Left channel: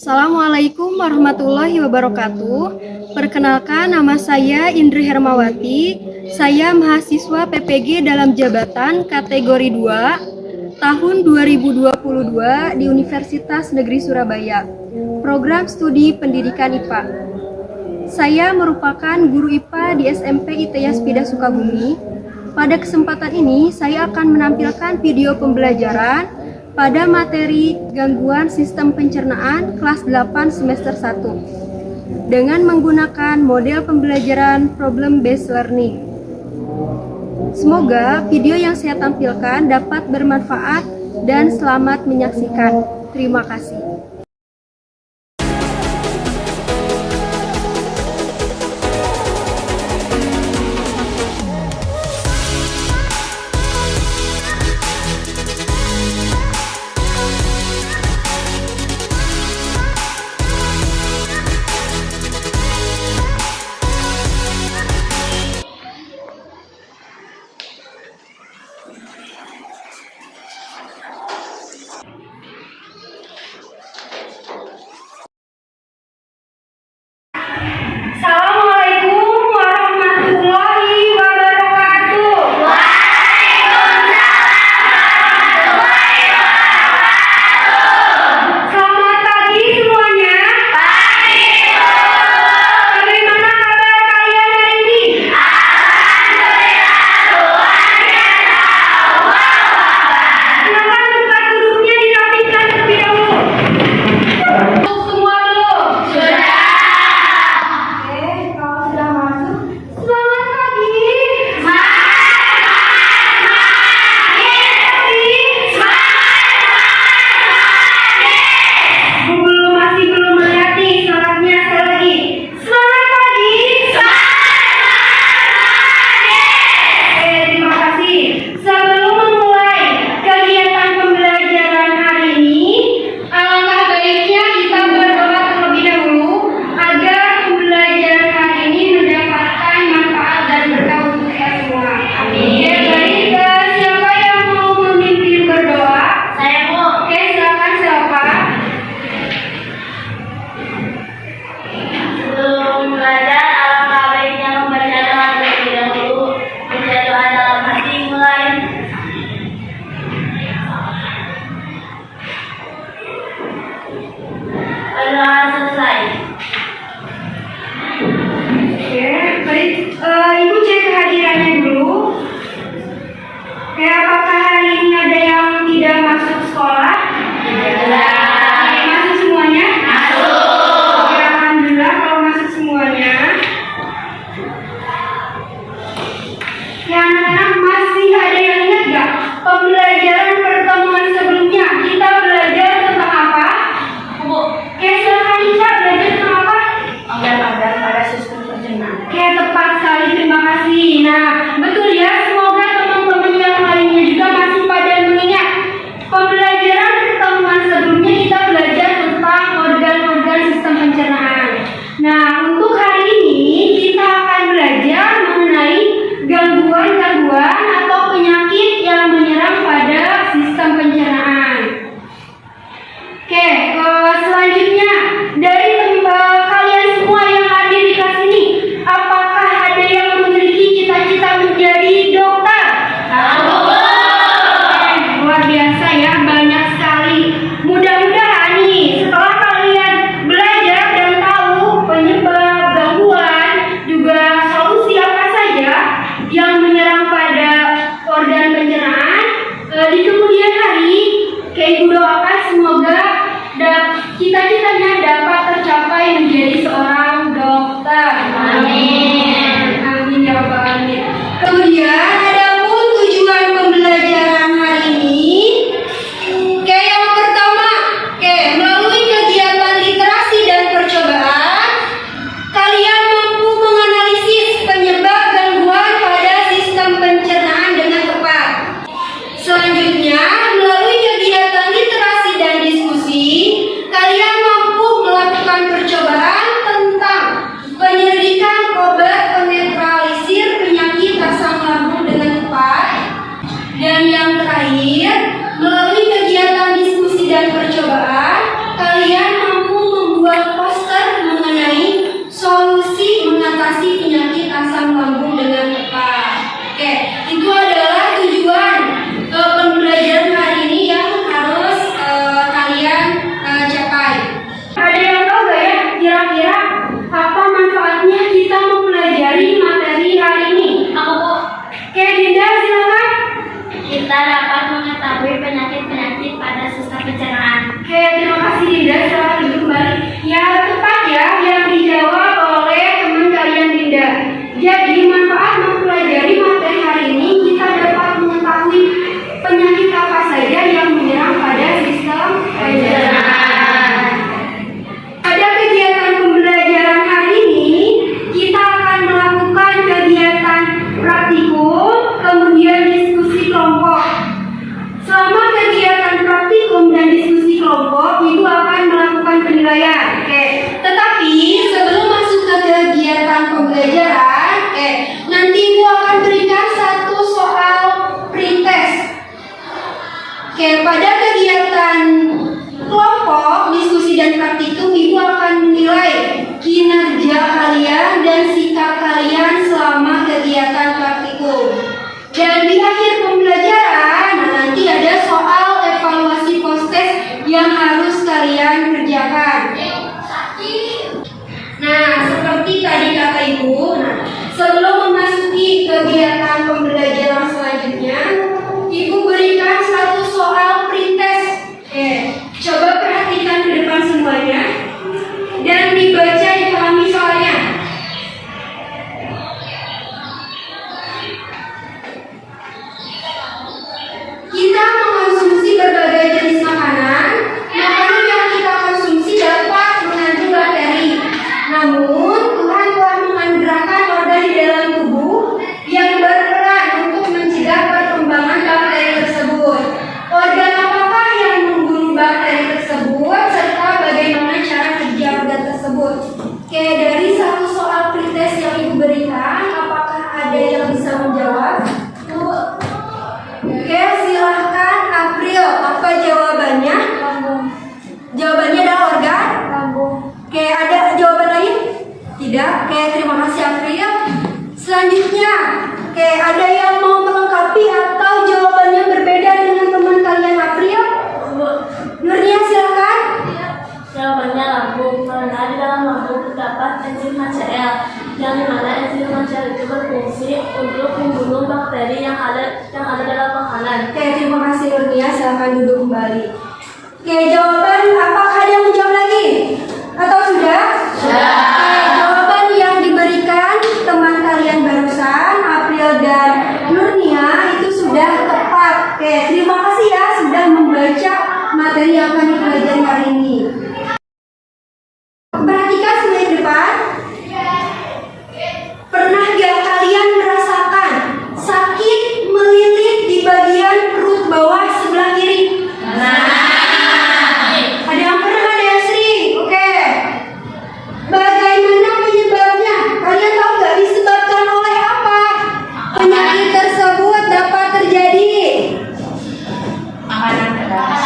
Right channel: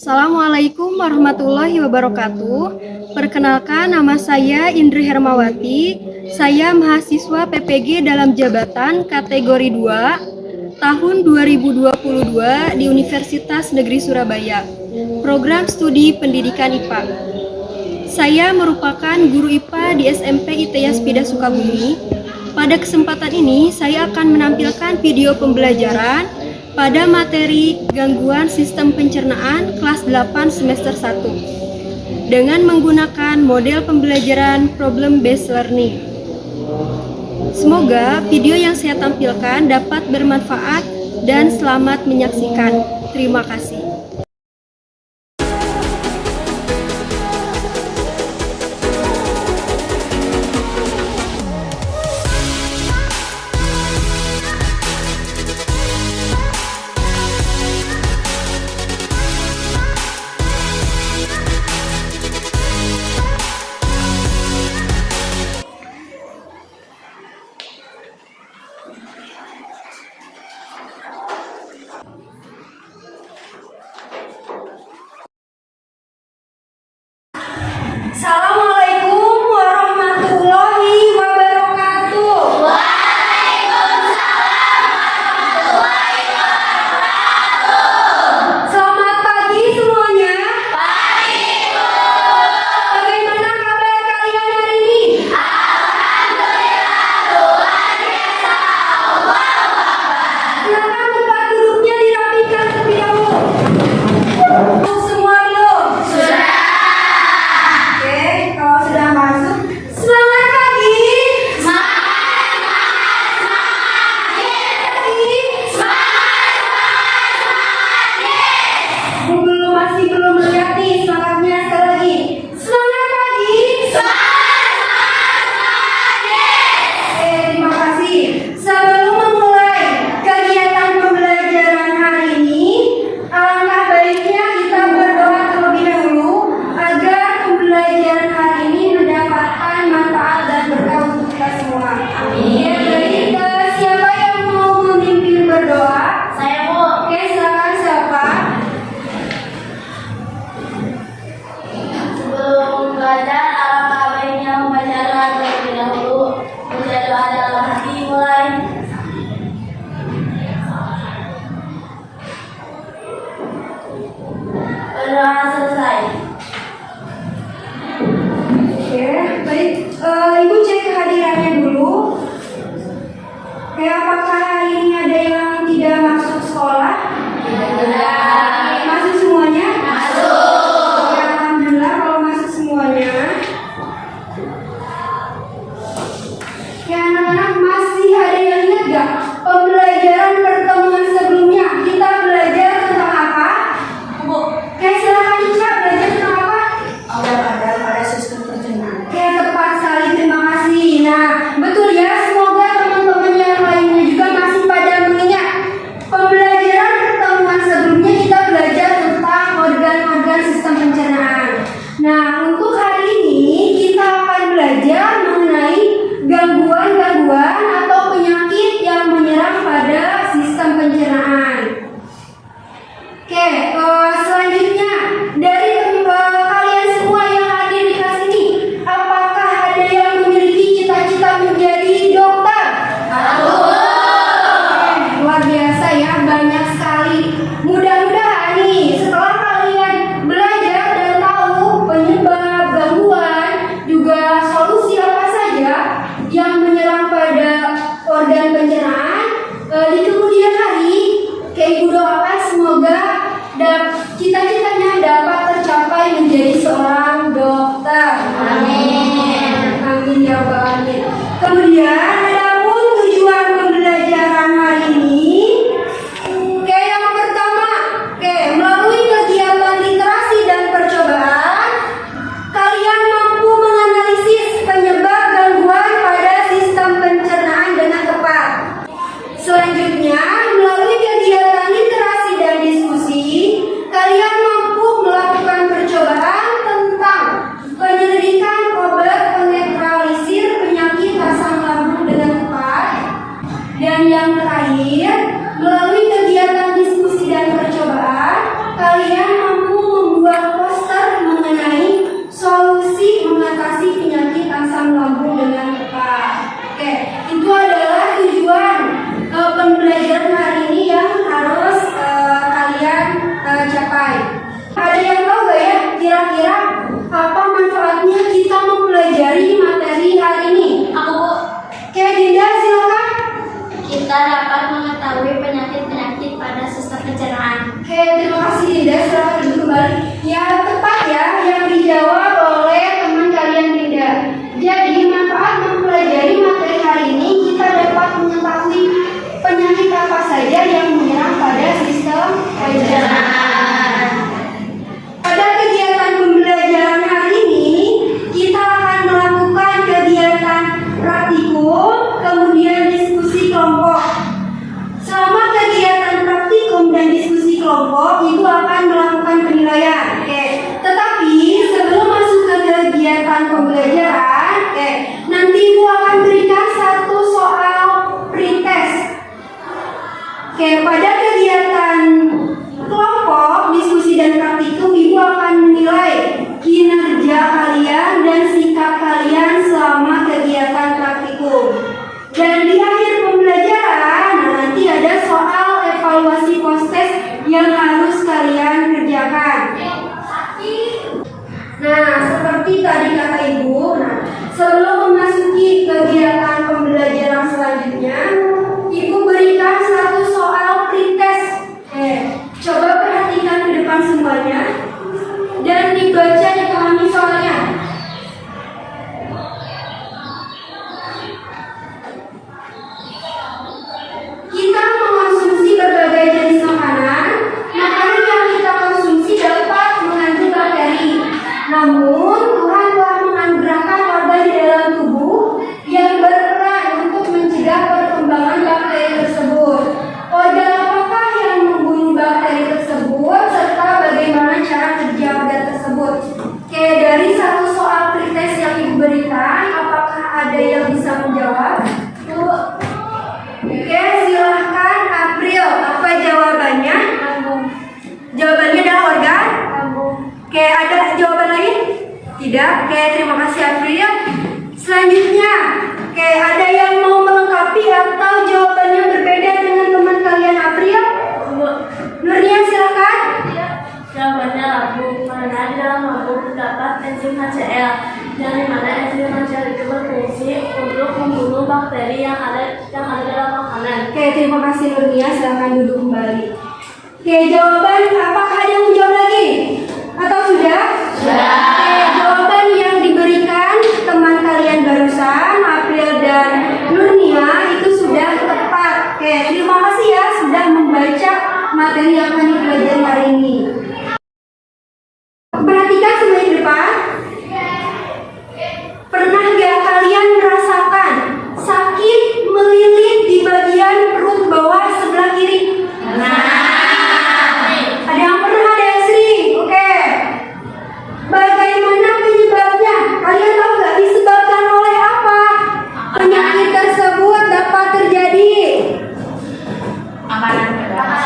Assalamualaikum warahmatullahi wabarakatuh. Perkenalkan, nama saya Indri Hermawati. Saya mahasiswa PPG dalam jabatan kategori 2 tahun 2022 di Universitas Negeri Surabaya, program studi pendidikan IPA. Saya merupakan guru IPA di SMP ITS Pida Sukabumi. Pada kesempatan ini, saya akan menampilkan video pembelajaran pada materi gangguan sistem pencernaan kelas 8 semester 1 dengan menggunakan model pembelajaran problem based learning. Semoga video yang saya tampilkan dapat bermanfaat dan selamat menyaksikan. Terima kasih. Assalamualaikum warahmatullahi wabarakatuh. Selamat pagi semuanya. Bagaimana kabar kalian hari ini? Silakan tempat duduknya dirapikan terlebih dahulu. Masuk semua belum? Oke, kalau sudah masuk, selamat pagi. Masih belum melihat nih semangatnya sekali lagi. Selamat pagi. Oke, terima kasih. Sebelum memulai kegiatan pembelajaran hari ini, alangkah baiknya kita berdoa terlebih dahulu agar pembelajaran hari ini mendapatkan manfaat dan berkah untuk kita semua. Amin. Ya, baik. Siapa yang mau memimpin berdoa? Saya mau. Oke, silakan siapa? Sebelum belajar, alangkah baiknya membaca doa terlebih dahulu. Baca doa dalam hati mulai. Berdoa selesai. Oke, baik. Ibu cek kehadirannya dulu. Oke, apakah hari ini ada yang tidak masuk sekolah? Masuk semuanya? Oke, alhamdulillah kalau masuk semuanya. Ya, anak-anak, masih ada yang ingat gak pembelajaran pertemuan sebelumnya kita belajar tentang apa? Oke, silakan Ica, belajar tentang apa? Organ-organ pada sistem pencernaan. Oke, tepat sekali, terima kasih. Nah, betul ya, semoga teman-teman yang lainnya juga masih pada mengingat pembelajaran pertemuan sebelumnya kita belajar tentang organ-organ sistem pencernaan. Nah, untuk hari ini kita akan belajar mengenai gangguan-gangguan atau penyakit yang menyerang pada sistem pencernaan. Oke, selanjutnya dari kalian semua yang hadir di kelas ini, apakah ada yang memiliki cita-cita menjadi dokter? Luar biasa ya, banyak sekali. Mudah-mudahan nih setelah kalian belajar dan tahu penyebab gangguan, juga solusi apa saja yang menyerang pada organ pencernaan, di kemudian hari, kayak ibu doakan semoga cita-citanya dapat tercapai menjadi seorang dokter. Amin. Amin ya rabbal alamin. Kemudian adapun tujuan pembelajaran hari ini, yang pertama, melalui kegiatan literasi dan percobaan, kalian mampu menganalisis penyebab gangguan pada sistem pencernaan dengan tepat. Selanjutnya, melalui kegiatan literasi dan diskusi, kalian mampu melakukan percobaan tentang penyelidikan obat penetralisir penyakit asam lambung dengan tepat. Dan yang terakhir, melalui kegiatan diskusi dan percobaan, kalian mampu dapat mengetahui penyakit-penyakit pada sistem pencernaan. Oke, terima kasih Dinda. Selamat duduk kembali. Ya, tepat ya yang dijawab oleh teman kalian Dinda. Jadi, manfaat mempelajari materi hari ini kita dapat mengetahui penyakit apa saja yang menyerang pada sistem pencernaan. Pada kegiatan pembelajaran hari ini, kita akan melakukan kegiatan praktikum, kemudian diskusi kelompok. Selama kegiatan praktikum dan diskusi kelompok, Ibu akan melakukan penilaian. Oke. Tetapi sebelum masuk ke kegiatan pembelajaran, nanti Ibu akan berikan satu soal pretest. Pada kegiatan kelompok, diskusi dan praktikum, Ibu akan menilai kinerja kalian dan sikap kalian selama kegiatan praktikum. Dan di akhir pembelajaran, nanti ada soal evaluasi post-test yang harus kalian kerjakan. Nah, seperti tadi kata Ibu, sebelum memasuki kegiatan pembelajaran selanjutnya, Ibu berikan satu soal pretest. Coba perhatikan ke depan semuanya dan dibaca dipahami soalnya. Kita mengonsumsi berbagai jenis makanan. Makanan yang kita konsumsi dapat mengandung bakteri. Namun, Tuhan telah menganugerahkan organ di dalam tubuh yang berperan untuk mencegah perkembangan bakteri tersebut. Organ apakah yang membunuh bakteri tersebut serta bagaimana cara kerja organ tersebut? Dari satu soal pretest yang Ibu berikan, apakah ada yang bisa menjawab? Silahkan April. Apa jawabannya? Lambung. Jawabannya adalah organ? Lambung. Ada jawaban lain? Tidak? Terima kasih April. Selanjutnya, ada yang mau melengkapi atau jawabannya berbeda dengan teman kalian April? Nurnia silakan. Jawabannya lambung, karena di dalam lambung terdapat enzim HCl, yang dimana enzim HCl itu berfungsi untuk membunuh bakteri yang ada dalam makanan. Terima kasih Nurnia, silakan duduk kembali. Jawaban apakah ada yang menjawab lagi? Atau sudah? Sudah. Jawaban yang diberikan teman kalian barusan, April dan Nurnia, itu sudah tepat. Terima kasih ya sudah membaca materi yang akan dipelajari hari ini. Perhatikan sebelah depan. Pernah gak kalian merasakan sakit melilit di bagian perut bawah sebelah kiri? Ada yang pernah, ada yang sering? Oke. Bagaimana penyebabnya? Kalian tahu gak disebabkan oleh apa? Penyakit tersebut dapat terjadi makanan yang pedas.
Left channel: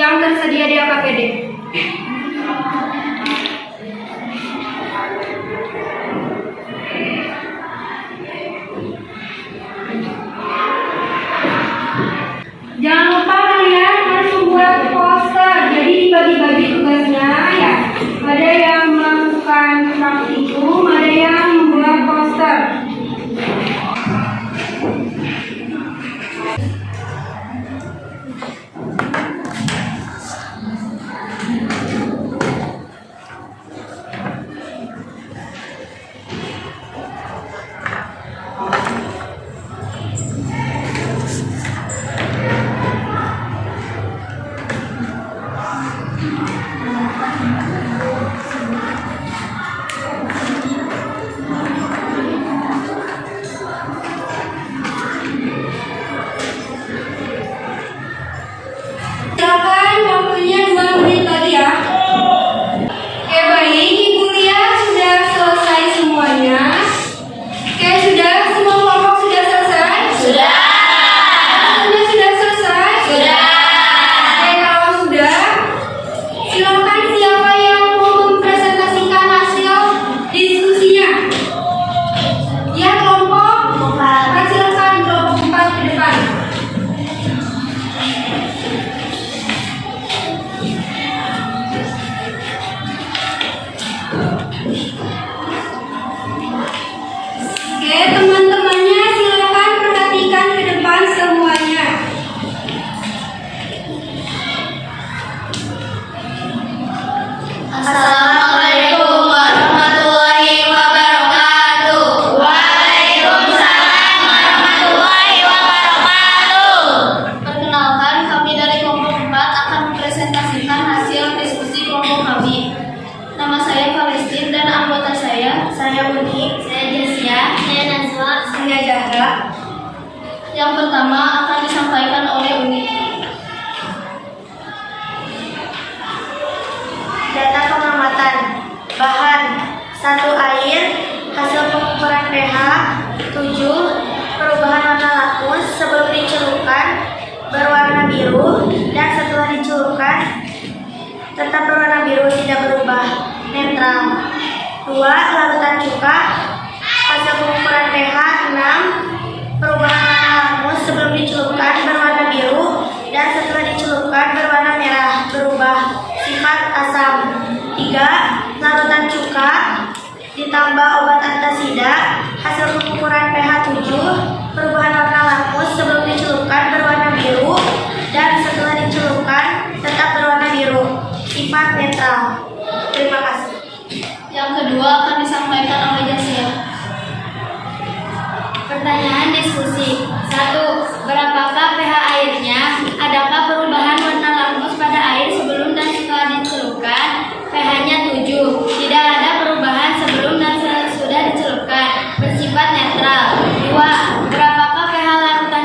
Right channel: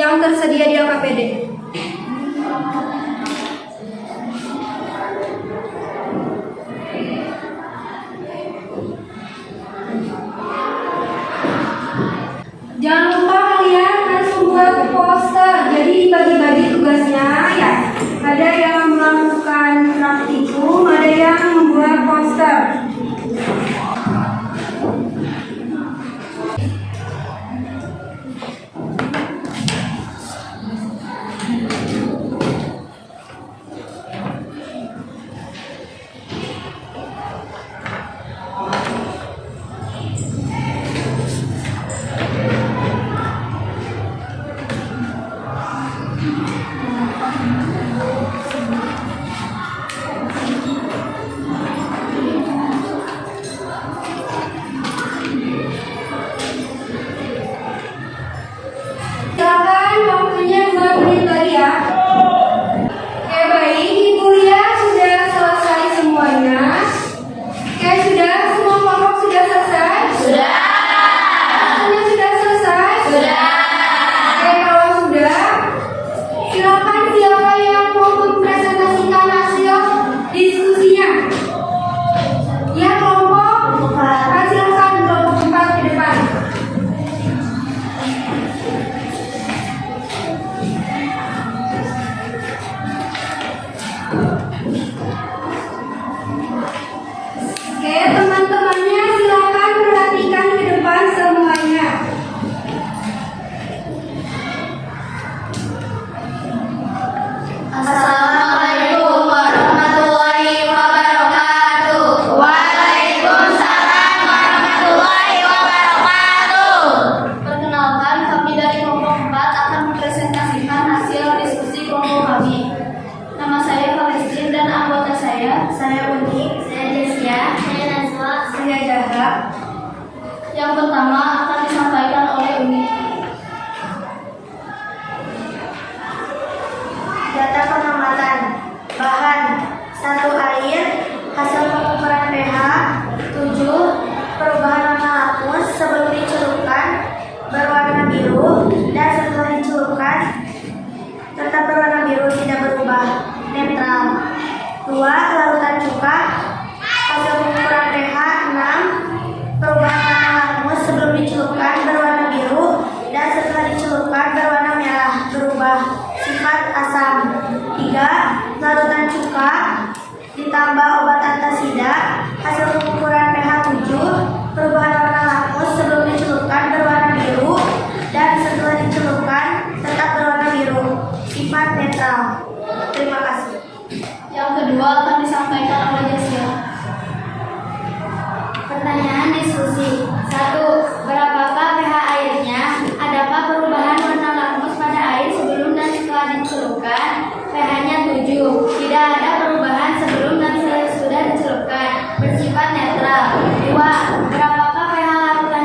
yang tersedia di AKPD. Jangan lupa kalian harus membuat poster. Jadi dibagi-bagi tugasnya ya. Ada yang melakukan praktikum, ada yang membuat poster. Silakan waktunya 2 menit lagi ya. Oke baik, Ibu lihat sudah selesai semuanya. Oke sudah, semua kelompok sudah selesai? Sudah. Semuanya sudah selesai? Sudah. Oke kalau sudah, silakan siapa yang mau mempresentasikan hasil diskusinya. Ya kelompok, silakan kelompok 4 ke depan. Oke, teman-temannya silakan perhatikan ke depan semuanya. Assalamualaikum warahmatullahi wabarakatuh. Waalaikumsalam warahmatullahi wabarakatuh. Perkenalkan, kami dari kelompok 4 akan mempresentasikan hasil diskusi kelompok kami. Nama saya Falistin dan anggota saya Uni, saya Jessia, saya Nazwa, saya Zahra. Yang pertama akan disampaikan oleh Uni. Data pengamatan bahan 1 air, hasil pengukuran pH 7, perubahan warna lakmus sebelum dicelupkan berwarna biru dan setelah dicelupkan tetap berwarna biru, tidak berubah, netral. 2. Larutan cuka, hasil pengukuran pH 6, perubahan warna lakmus sebelum dicelupkan berwarna biru dan setelah dicelupkan berwarna merah, berubah, sifat asam. 3. Larutan cuka ditambah obat antasida, hasil pengukuran pH 7, perubahan warna lakmus sebelum dicelupkan berwarna biru dan setelah dicelupkan tetap berwarna biru, sifat netral. Terima kasih. Yang kedua akan disampaikan oleh Jessia. Pertanyaan diskusi. 1. Berapakah pH airnya? Adakah perubahan warna lakmus pada air sebelum dan setelah dicelupkan? pH-nya 7. Tidak ada perubahan sebelum dan sesudah dicelupkan. Bersifat netral. 2. Berapakah pH larutan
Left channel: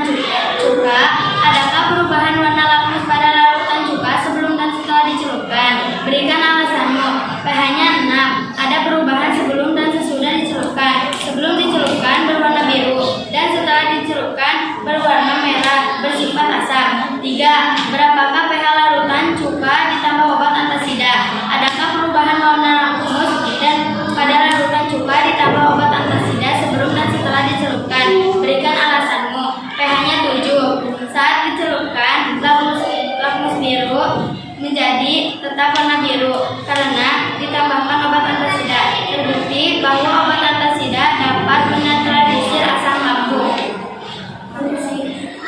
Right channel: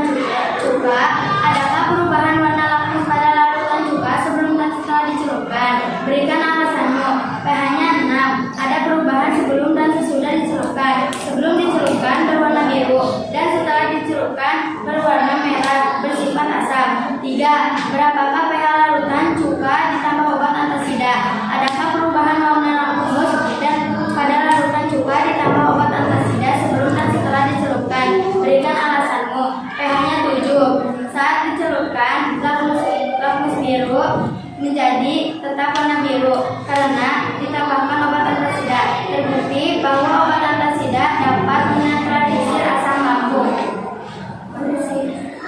cuka? Adakah perubahan warna lakmus pada larutan cuka sebelum dan setelah dicelupkan? Berikan alasanmu. pH-nya 6. Ada perubahan sebelum dan sesudah dicelupkan. Sebelum dicelupkan berwarna biru dan setelah dicelupkan berwarna merah, bersifat asam. 3. Berapakah pH larutan cuka ditambah obat antasida? Adakah perubahan warna lakmus dan pada larutan cuka ditambah obat antasida sebelum dan setelah dicelupkan? Berikan alasanmu. pH-nya 7. Saat dicelupkan, lakmus biru menjadi tetap warna biru karena ditambahkan obat antasida. Terbukti bahwa obat antasida dapat menetralisir asam lambung.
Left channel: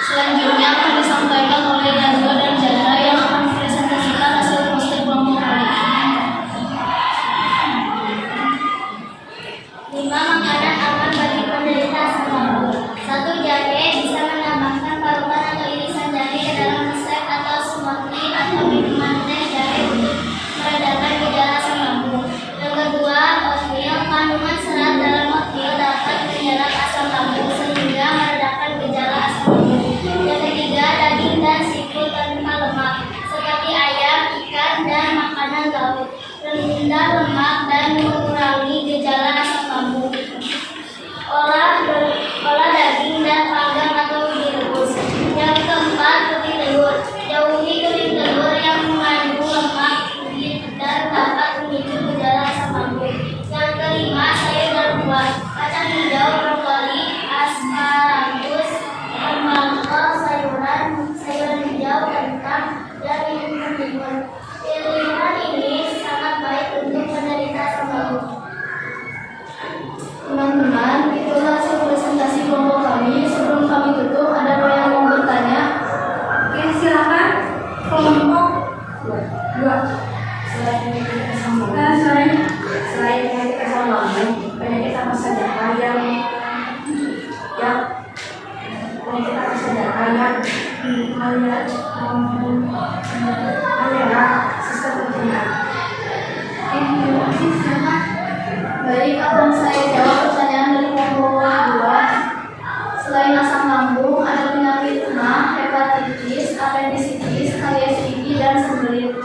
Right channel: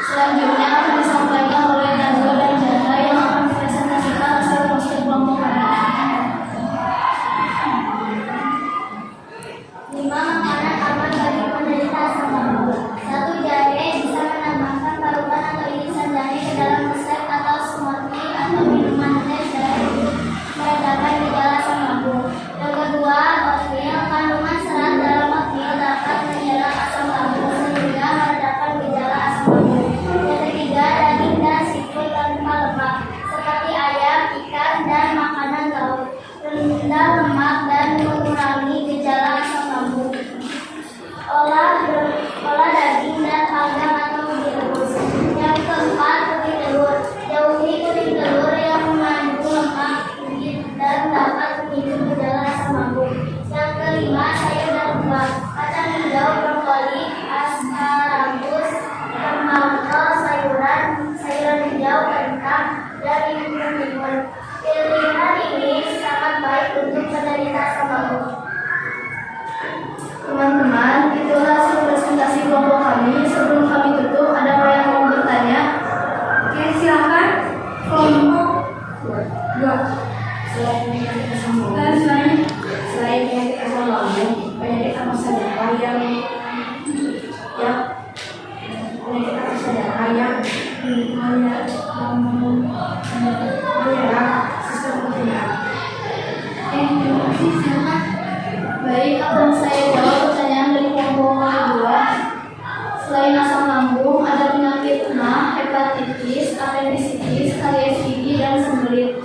Selanjutnya akan disampaikan oleh Nazwa dan Zahra yang akan mempresentasikan hasil poster kelompok kami. 5 makanan aman bagi penderita asam lambung. 1. Jahe bisa menambahkan parutan atau irisan jahe ke dalam resep atau smoothie atau minuman teh jahe untuk meredakan gejala asam lambung. Yang kedua, oatmeal kandungan melihat sistem pemerintahan. Terima kasih, silakan. Baik, akan saya jawab pertanyaan dari kelompok kedua. Selain asam lambung, ada penyakit mah, hepatitis, apendisitis, KSID, dan sembelit.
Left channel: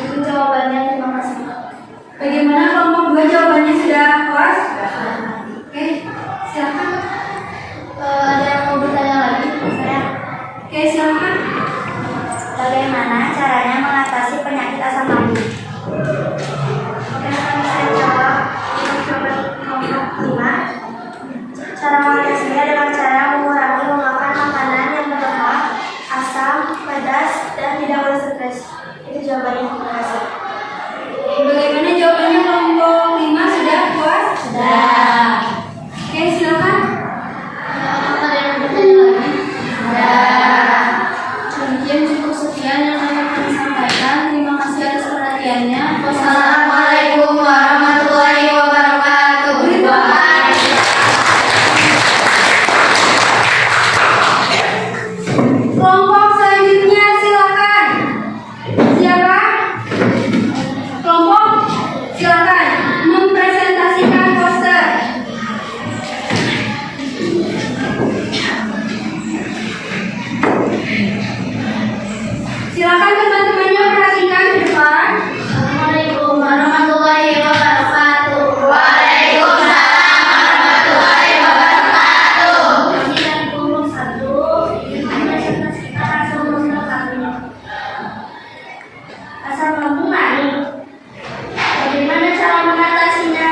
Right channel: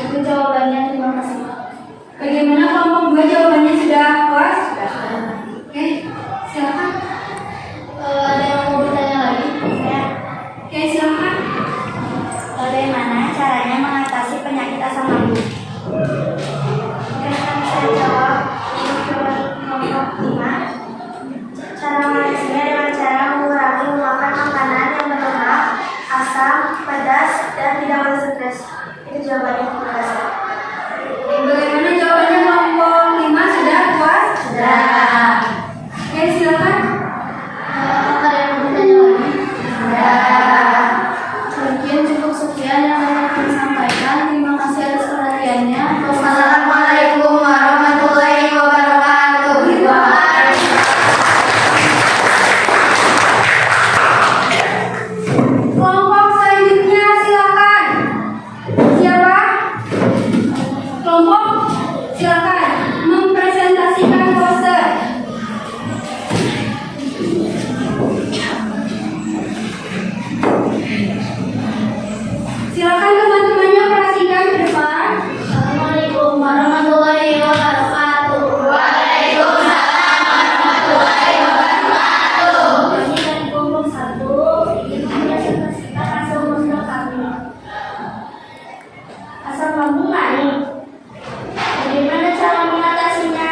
Itu jawabannya, terima kasih. Bagaimana kelompok 2 jawabannya sudah puas? Oke, silakan. Ada yang mau bertanya lagi? Saya. Oke, silakan. Bagaimana caranya mengatasi penyakit asam lambung? Akan saya jawab untuk jawaban kelompok 5. Cara mengatasinya dengan cara mengurangi memakan makanan yang berlemak, asam, pedas, dan tidak berstres. Itu jawabannya, terima kasih. Bagaimana jawabannya kelompok 5 sudah puas? Sudah. Oke, silakan. Apakah yang bertanya lagi? Sudah. Mungkin cukup sekian yang dapat kami sampaikan. Terima kasih atas perhatiannya. Wassalamualaikum warahmatullahi wabarakatuh. Kelompok selanjutnya silakan. Siapa? Kelompok silakan mempresentasikan poster. Silakan teman-temannya perhatikan ke depan. Assalamualaikum warahmatullahi wabarakatuh. Waalaikumsalam warahmatullahi wabarakatuh. Kami dari kelompok 1 ingin mempresentasikan asam lambung kami. Asam lambung naik. Bagaimana cara mengatasinya?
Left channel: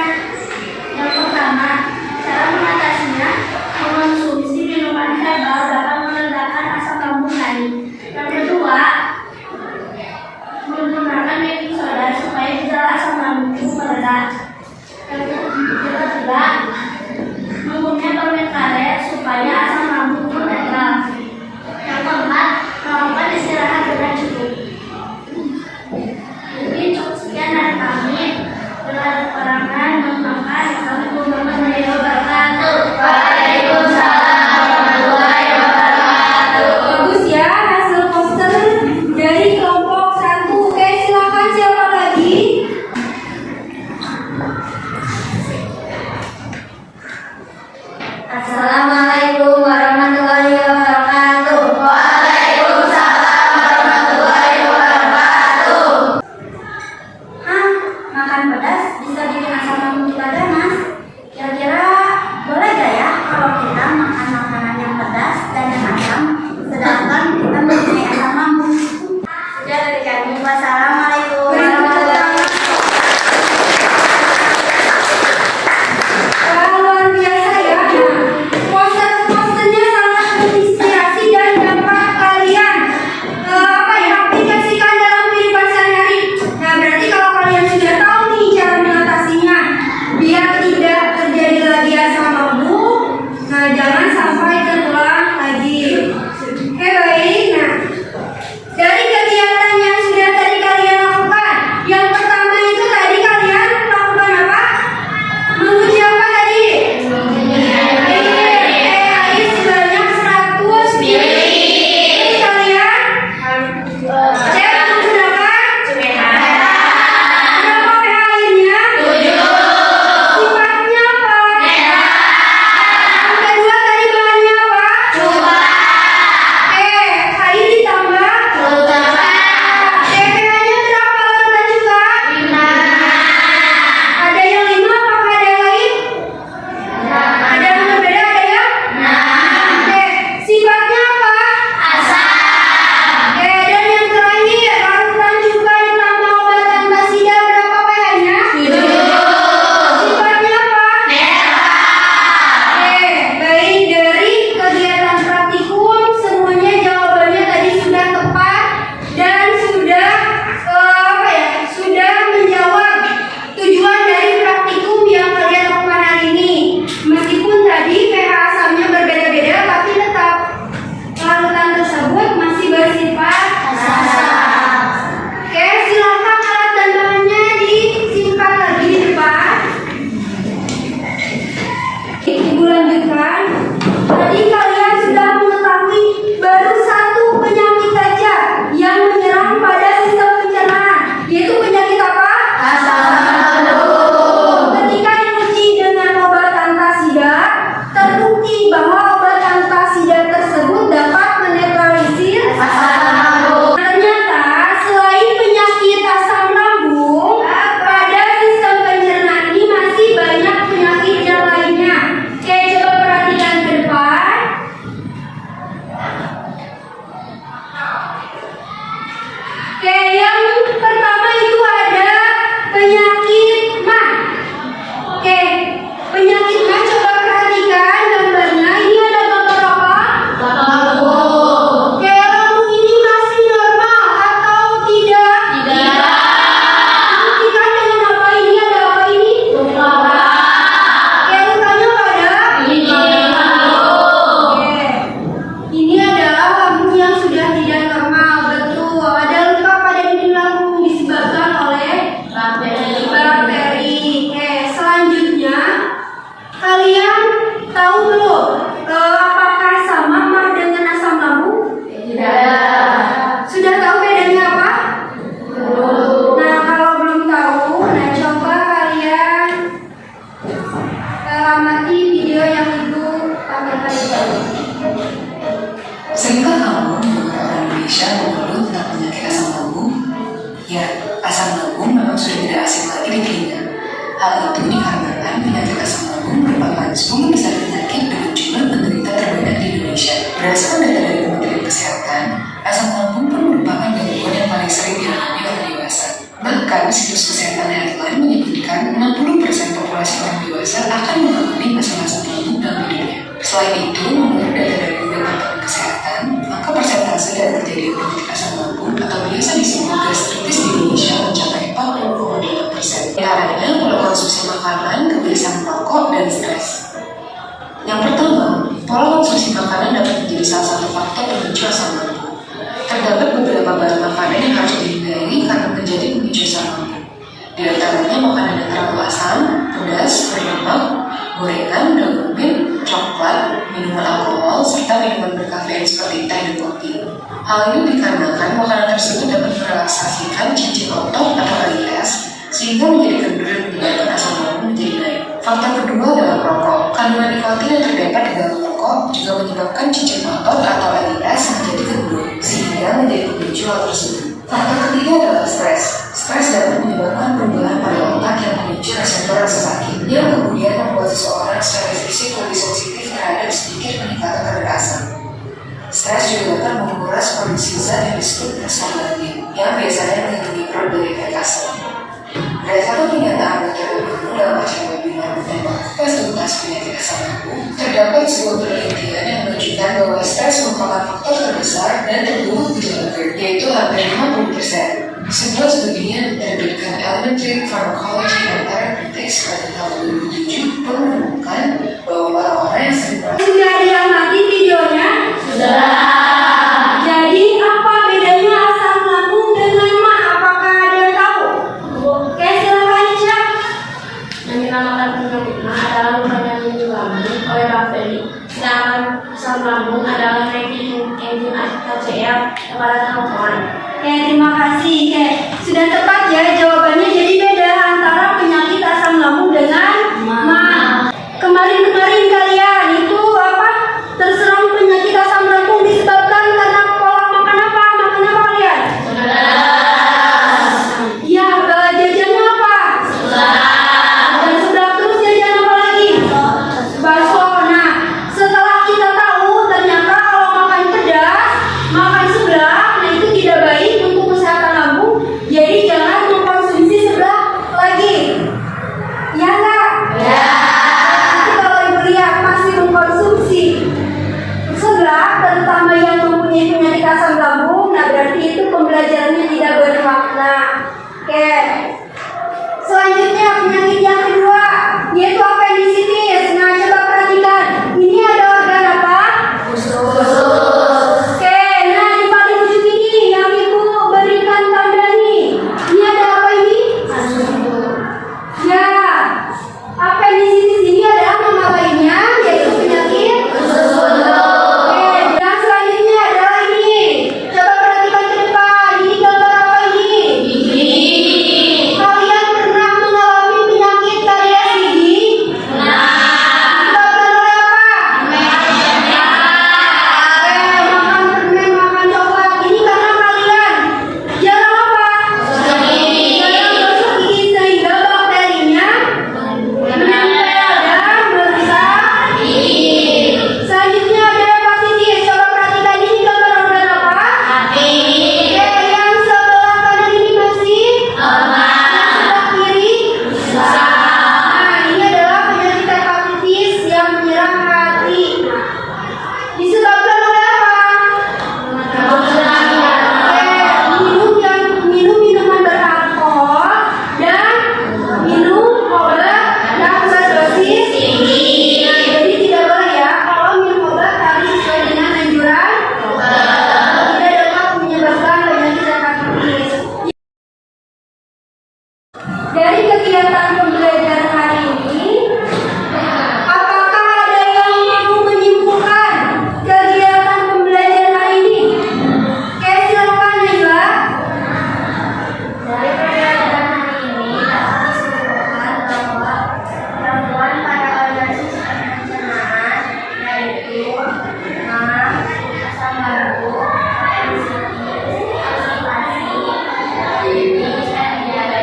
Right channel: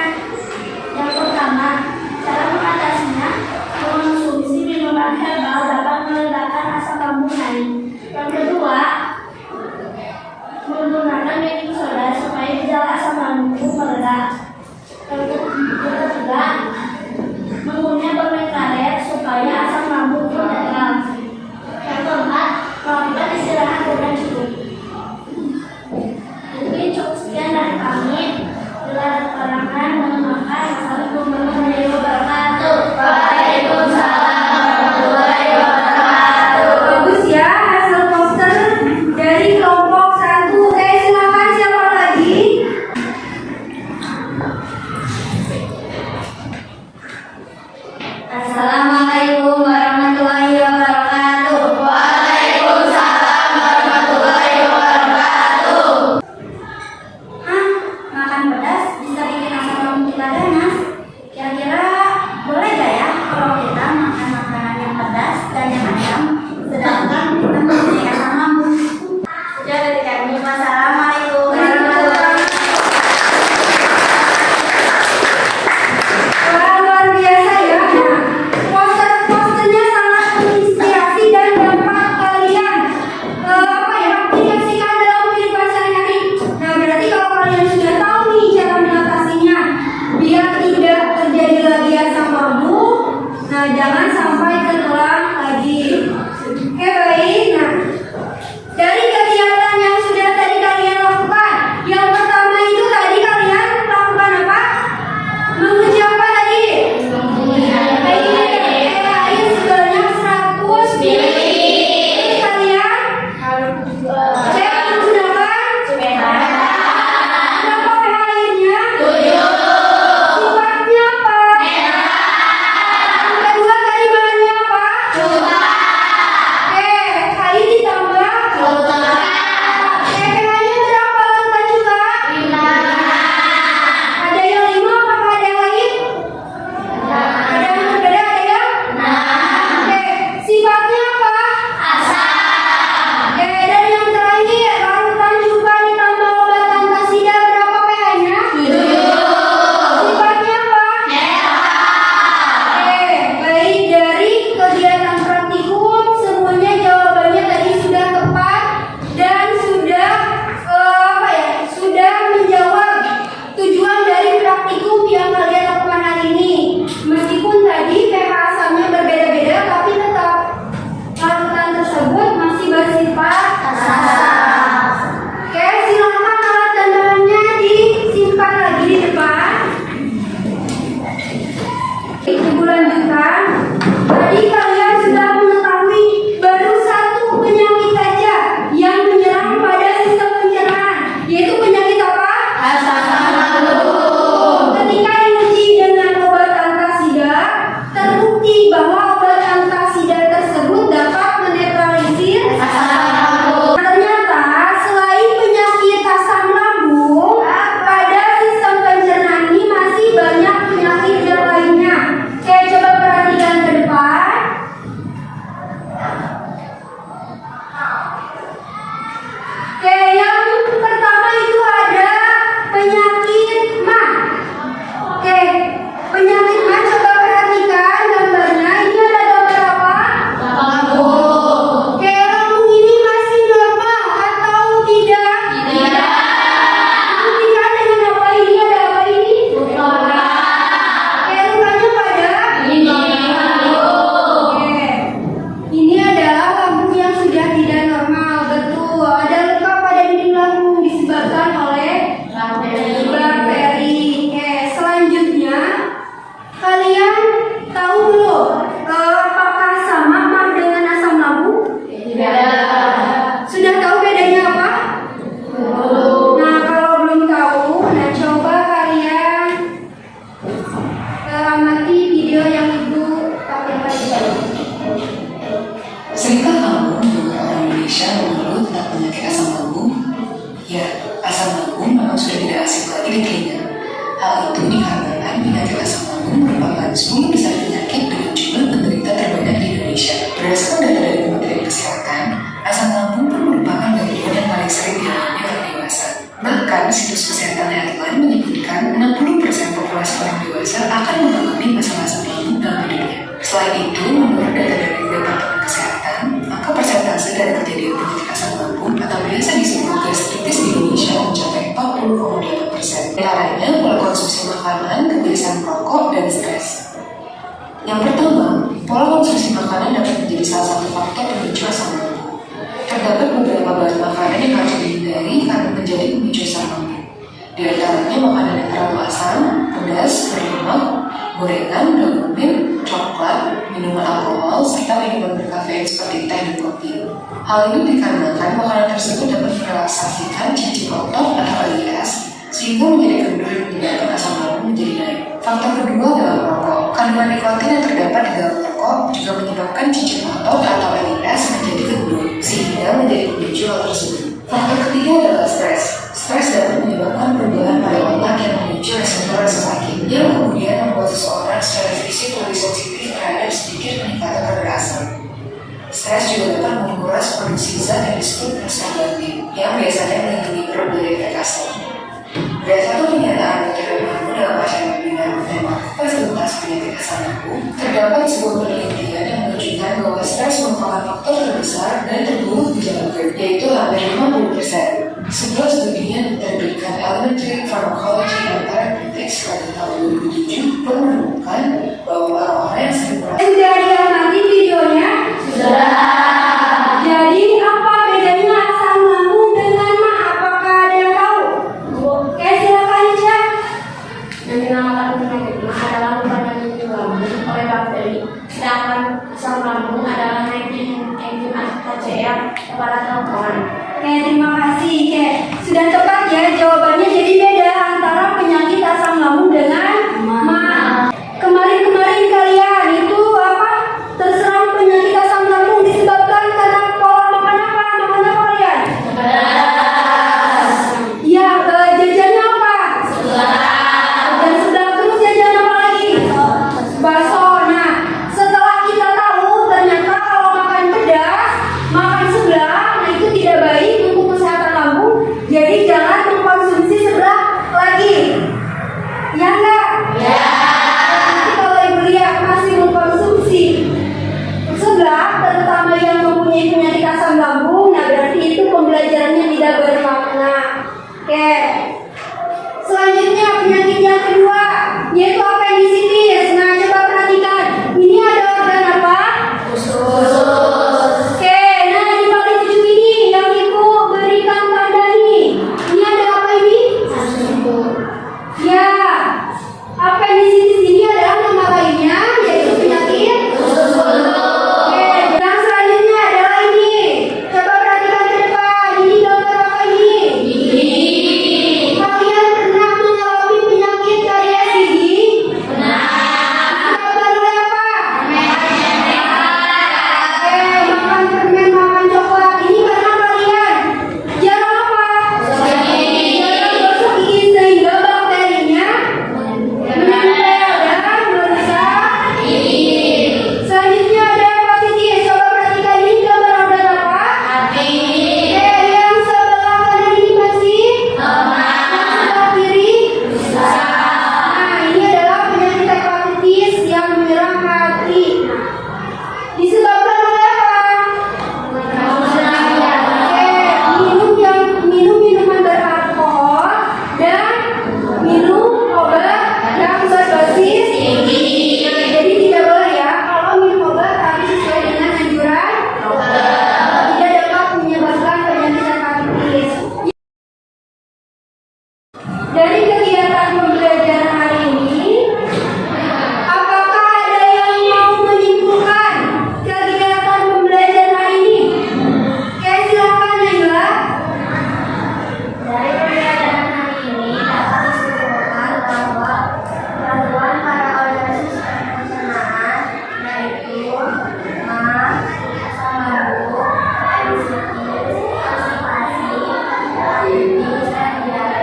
Yang pertama, cara mengatasinya mengonsumsi minuman herbal dapat meredakan asam lambung naik. Yang kedua, menggunakan baking soda supaya gejala asam lambung mereda. Yang ketiga, mengunyah permen karet supaya asam lambung pun netral. Yang keempat, melakukan istirahat dengan cukup. Mungkin cukup sekian dari kami. Bila ada kekurangan, mohon maaf. Assalamualaikum warahmatullahi wabarakatuh. Waalaikumsalam warahmatullahi wabarakatuh. Bagus ya hasil poster dari kelompok 1. Oke, silakan siapa lagi? sudah tidak asing lagi di telinga. Hal itu dikarenakan penyakit asam lambung merupakan 10 besar penyakit dengan jumlah penderita terbanyak di Indonesia. Berdasarkan data dari Kementerian Kesehatan, asam lambung pun merupakan gangguan yang paling sering dialami orang dewasa. Bahkan situs kesehatan Healthline menyebutkan 60% populasi orang dewasa akan mengalami masalah asam lambung dalam hidupnya. Selain itu, menurut data dari Departemen Kesehatan, maka persentase dari kejadian penyakit asam lambung atau biasa disebut gastritis di Indonesia mencapai 40,8%. Caranya pola konsumsi makanan, kebiasaan merokok, dan stres. Yang pertama, pola konsumsi makanan dapat menjadi salah satu faktor pemicu asam lambung. Terdapat beberapa bahan makanan yang harus dihindari karena menjadi pemicu asam lambung. Di antaranya makanan yang terlalu asam, pedas, berlemak, gorengan, daging, coklat, minuman alkohol, serta minuman berkafein seperti teh dan kopi. Hal ini dikarenakan makanan tersebut dapat merelaksasikan cincin otot atau AIS, sehingga menjadi kendor menyebabkan asam lambung menjadi naik. Faktor kedua adalah perokok. Kandungan nikotin yang terdapat di dalam rokok juga menyebabkan cincin otot atau AIS menjadi kendor, sehingga menjadi pemicu hal tersebut. Faktor ketiga adalah stres. Stres dapat menyebabkan perubahan pada otak yang memicu reseptor rasa sakit, yang kemudian membuat seseorang secara fisik lebih sensitif terhadap sedikit peningkatan kadar asam. Stres juga dapat menguras produksi zat yang disebut prostaglandin, yang biasanya melindungi perut dari efek asam. Berdasarkan pernyataan Dr. dalam acara webinar bertema tes tuntas penyakit asam lambung, terdapat sebuah penelitian yang menunjukkan bahwa stres merupakan faktor terbesar dan terburuk gejala GERD, yaitu hampir 50%. Sebuah studi yang diterbitkan Elementary Pharmacology and Therapeutics pada tahun 2007 pun menemukan bahwa orang-orang yang sering Sudah ada yang nanti videonya? Sudah. Jadi apa bedanya asam lambung dengan mah? Apakah ada yang tahu? Oke, silakan Isya. Yang dinamakan penyakit mah adalah luka yang dialami oleh bakteri, sedangkan asam lambung adalah naiknya enzim HCl pada tengkorak. Oke, terima kasih. Oke, sudah tepat ya jawabannya. Jadi beda antara penyakit asam lambung dengan mah. Kemarin kalian itu apa? Terserang penyakit asam lambung disebabkan karena pola makan apa? Makan apa kalian? Ya, jajannya apa? Dan sebelah terus jajan apa lagi? Bakso. Nah, setelah kita tahu ternyata kalau makan pedas, makan sebelah, nah itu tidak baik untuk kesehatan lambung. Jadi jangan mengkonsumsi sebelah lagi. Ya enggak? Ya. Nanti kalau ibu lihat masih mengkonsumsi sebelah, terutama yang mempunyai penyakit asam lambung, nah berarti itu pembelajarannya tidak bermakna. Oke. Selanjutnya penyakit yang kedua, yaitu appendicitis. Nah, coba perhatikan. Ini ada organ apa? Oke, nah di paling ujung ini yang ibu berikan tanda nih. Ini ada apa ini? Ya, appendicitis ini adalah nama lainnya, yaitu penyakit Oke, yang selanjutnya adalah ini. Coba perhatikan ke depan. Ini gambar apa ini? Kalian pernah mengalami penyakit karies gigi? Disebabkan oleh apa? Makan permen, makan coklat. Ini karena kalian jarang apa? Jarang gosok gigi sehingga bakterinya menempel dan merusak gigi. Selanjutnya ada hepatitis. Coba perhatikan ini gambar organ apa? Oke, yang sebelah kanan ini masih sebelah kiri. Nah, ini adalah penyakit hepatitis yang menyerang hati. Disebabkan oleh apa? Minum minuman beralkohol dan minum obat yang berdosis tinggi. Jadi tidak boleh ya kalau minum obat tapi sesuai dengan anjuran tidak dapat menyebabkan penyakit hepatitis. Dari kegiatan pembelajaran hari ini, apakah ada yang mau menyimpulkan kegiatan pembelajaran hari ini? Oke, silakan Naila. Dari pembelajaran hari ini dapat disimpulkan bahwa gangguan pada organisasi pencernaan yaitu mah, asam lambung, tensi, konstipasi, diabetes, dan diare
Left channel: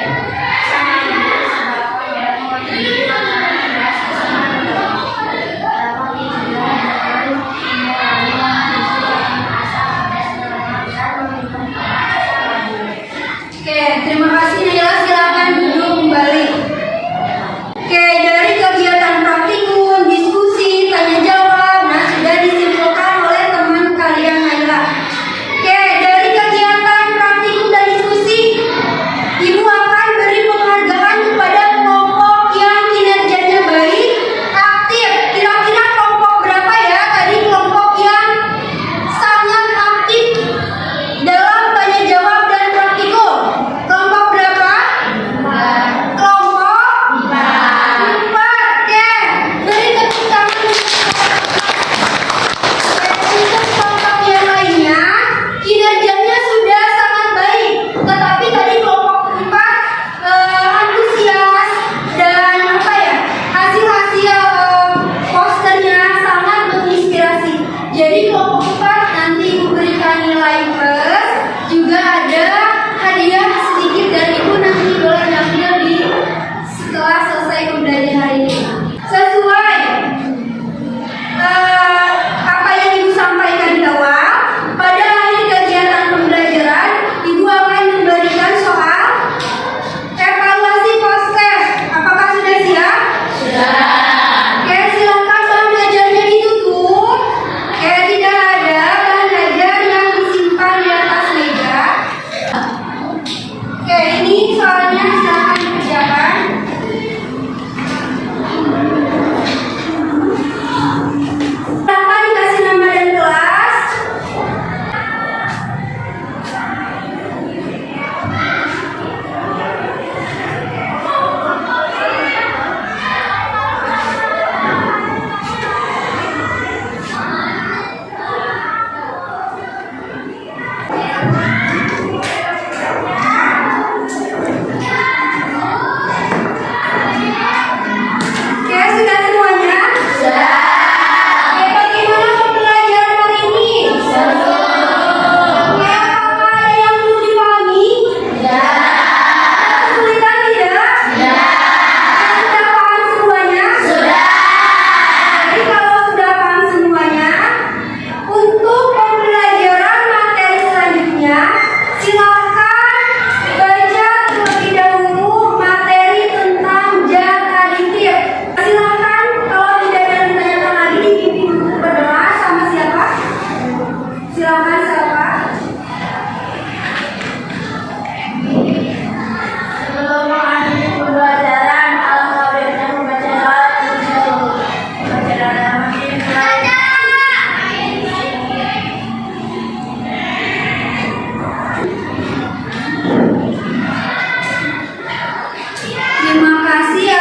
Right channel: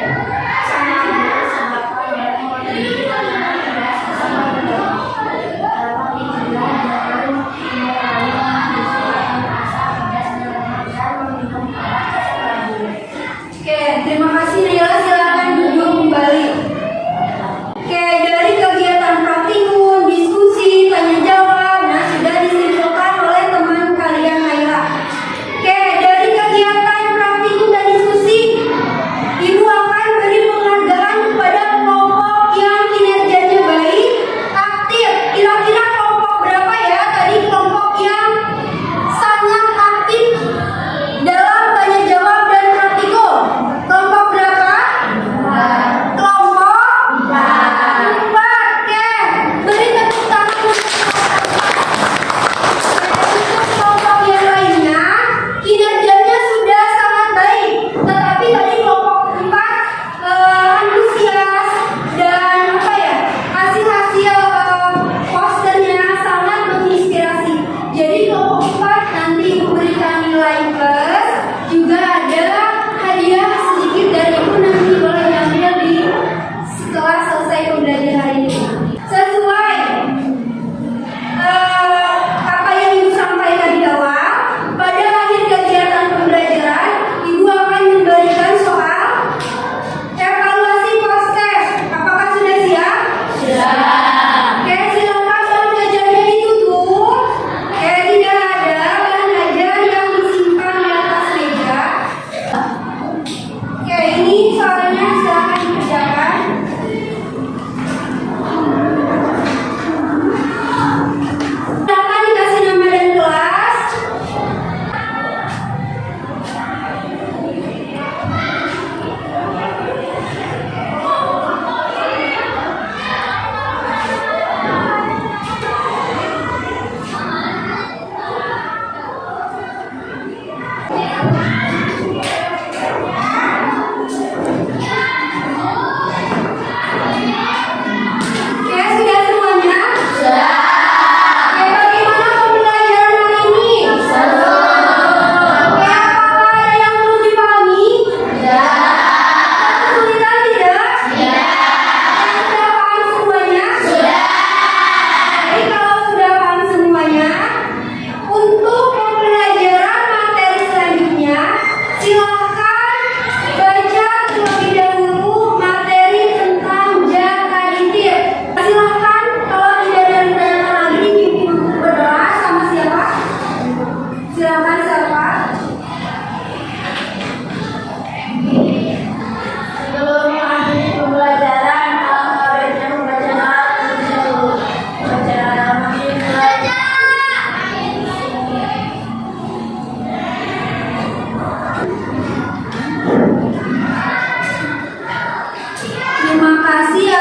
Terima kasih